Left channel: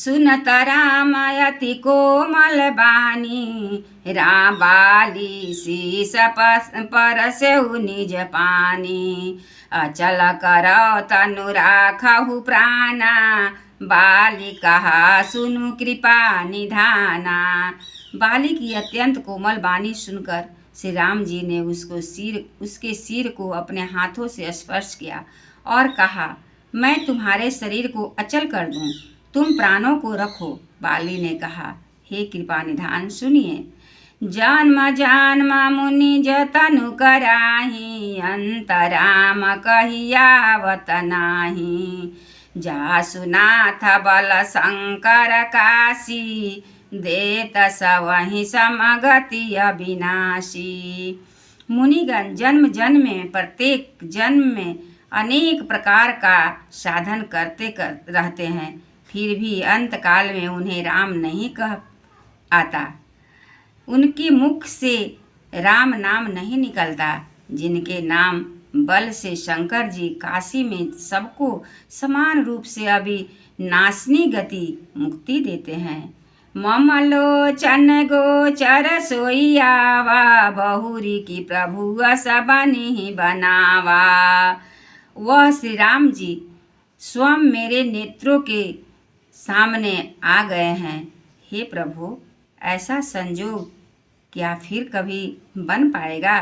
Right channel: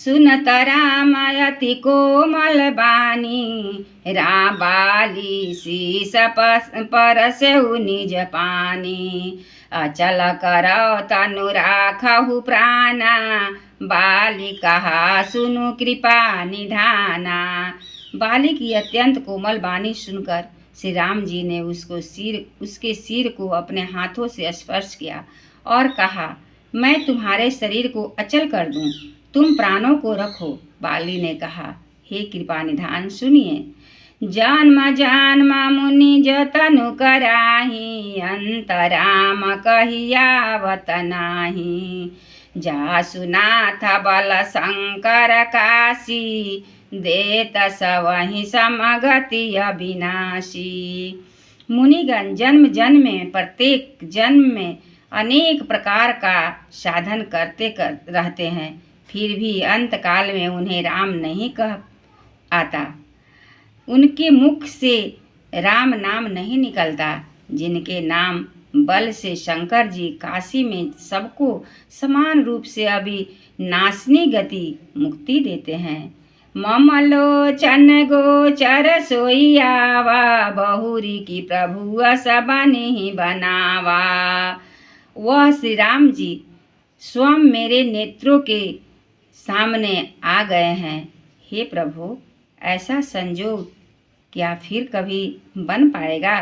सुनत राम अति कोमल बानी, राम बाली शीस परसेउ निज पानी। अचल करौ तनु राखहु प्राणा, बाली कहा सुनु कृपा निधाना। बाली की अत्यंत कोमल वाणी सुनकर श्री राम जी ने उसके सिर को अपने हाथों से स्पर्श किया और कहा, मैं तुम्हारे शरीर को अचल कर दूं, तुम प्राणों को रखो। बाली ने कहा, हे कृपा निधान सुनिए। जन्म जन्म मुनि जतनु कराही, अंतराम कहियावत नाही। जासु नाथ बल शंकर काशी, देत सवहि समगति अविनाशी। मुनिगण जन्म जन्म में प्रत्येक जन्म में अनेक प्रकार का साधन करते रहते हैं, फिर भी अंत काल में उन्हें राम नहीं कह आता, उनके मुख से राम नाम नहीं निकलता। जिनके नाम बल से शंकर जी काशी में सबको समान रूप से अविनाशिनी गति मुक्ति देते हैं। मम लोचन गोचर सोइयावा, बहुरी की प्रभु सबनि बनावा। वह श्री राम जी स्वयं मेरे नेत्रों के सामने आ गए हैं। हे प्रभु, ऐसा संजोग क्या फिर कभी बन पाएगा?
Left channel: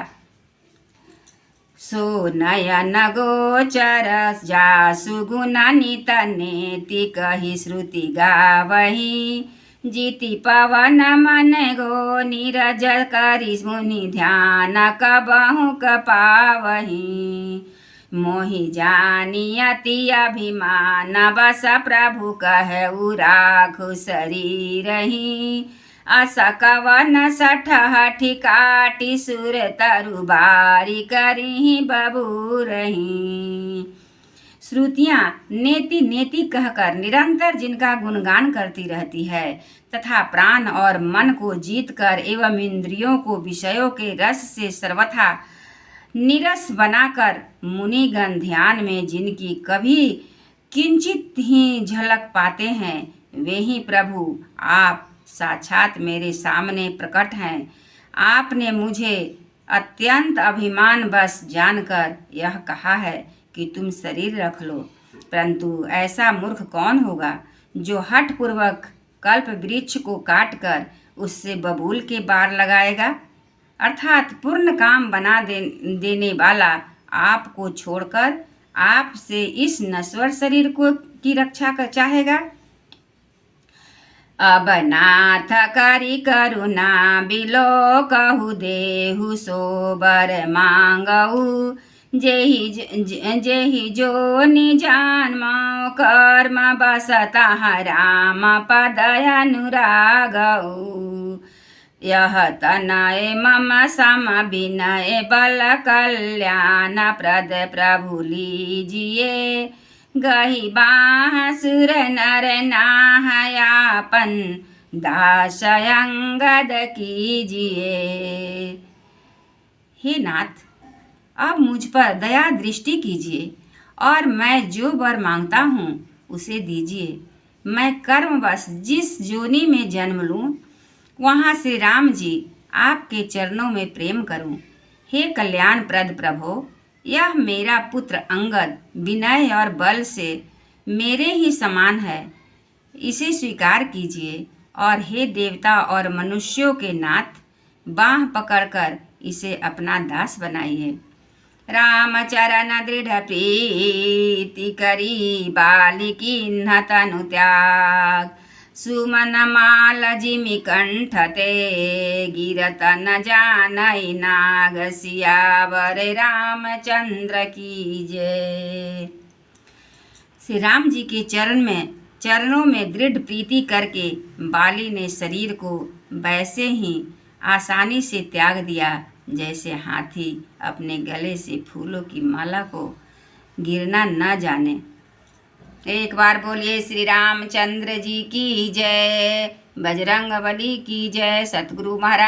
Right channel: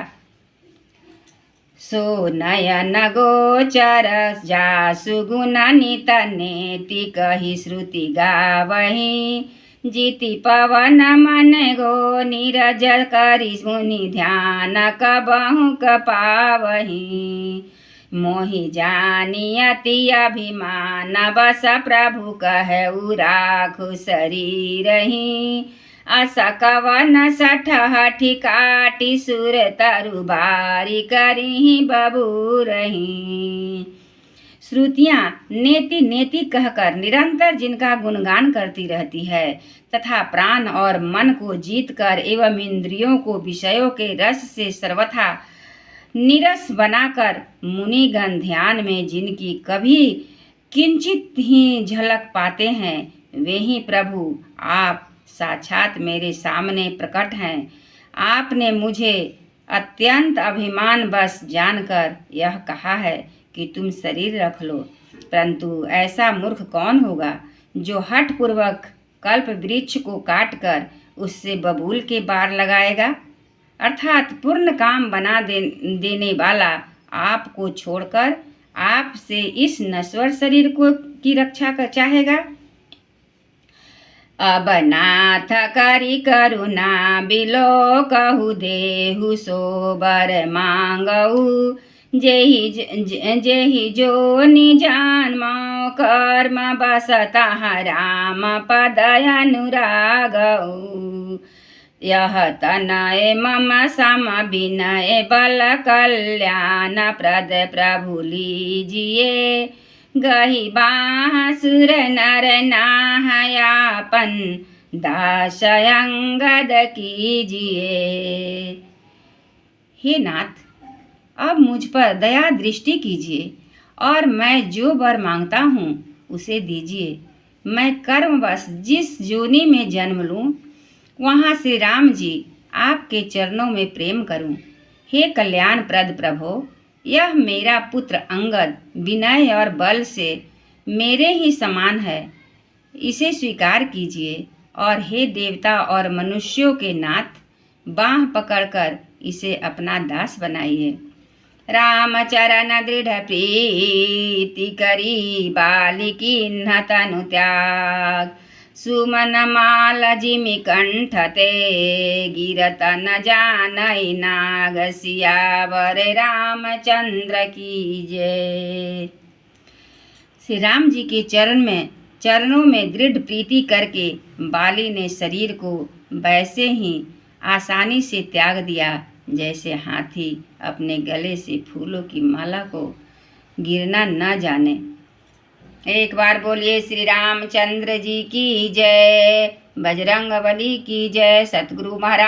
सो नयन गोचर जासु गुण नित नेति, कही श्रुति गावही। जीति पवन मन गो नीरज, करि मुनि ध्यान कबहु पावही। मोहि जानी अति अभिमान, बस प्रभु कहु राखु शरीरहि। अस कवन सठहठि काटि, सुर तरु बारी करिहि बबूरहि। श्रुतियाँ नेति नेति कहकर निरंतर जिनका गुणगान करती रहती है तथा प्राण और मन को जीतकर एवं इंद्रियों को विषयों के रस से सर्वथा निरस बनाकर मुनिगण ध्यान में जिनकी कभी किंचित ही झलक पाते हैं, वे ही प्रभु आप साक्षात मेरे सामने प्रकट हैं। आपने मुझे अत्यंत अभिमान बस जानकर यह कहा है कि तुम शरीर रख लो, परंतु ऐसा मूर्ख कौन होगा जो हठ पूर्वक कल्प वृक्ष को काटकर उससे बबूल के बार लगाएगा? अर्थात पूर्ण काम बना देने वाला आपको छोड़कर आपसे इस नश्वर शरीर को की रक्षा कर चाहेगा। अब नाथ करि करुणा बिलो, कहु देहु सोबर मांगऊ। जेहि जो निजान कर्म बसता, राम पद अनुरागऊ। यह तनय मम सम विनय, बल कल्याण प्रद प्रभु लीजिए। गही बाँसुर नर नाहयापन, दास अंगद कीजिए। हे नाथ, अब मुझ पर दया दृष्टि कीजिए और मैं जो वर मांगता हूँ उसे दीजिए। मैं कर्मवश जिस योनि में जन्म लूँ वहाँ श्री राम जी आपके चरणों में प्रेम करूं। हे कल्याण प्रद प्रभो, यह मेरा पुत्र अंगद विनय और बल से मेरे ही समान है, इसे स्वीकार कीजिए। और हे देवता और मनुष्यों के नाथ, बाँह पकड़कर इसे अपना दास बनाइए। राम चरण दृढ़ प्रीति करी, बाली कीन्ह तनु त्याग। सुमन माल जिमि कंठ ते, गिरत न जानई नाग। सियावर रामचंद्र की जय। श्री राम जी के चरणों में दृढ़ प्रीति करके बाली ने शरीर को वैसे ही आसानी से त्याग दिया जैसे हाथी अपने गले से फूलों की माला को गिरना न जाने। एक बार बोलिए श्री रामचंद्र जी की जय, बजरंगबली की जय, सतगुरु महाराज।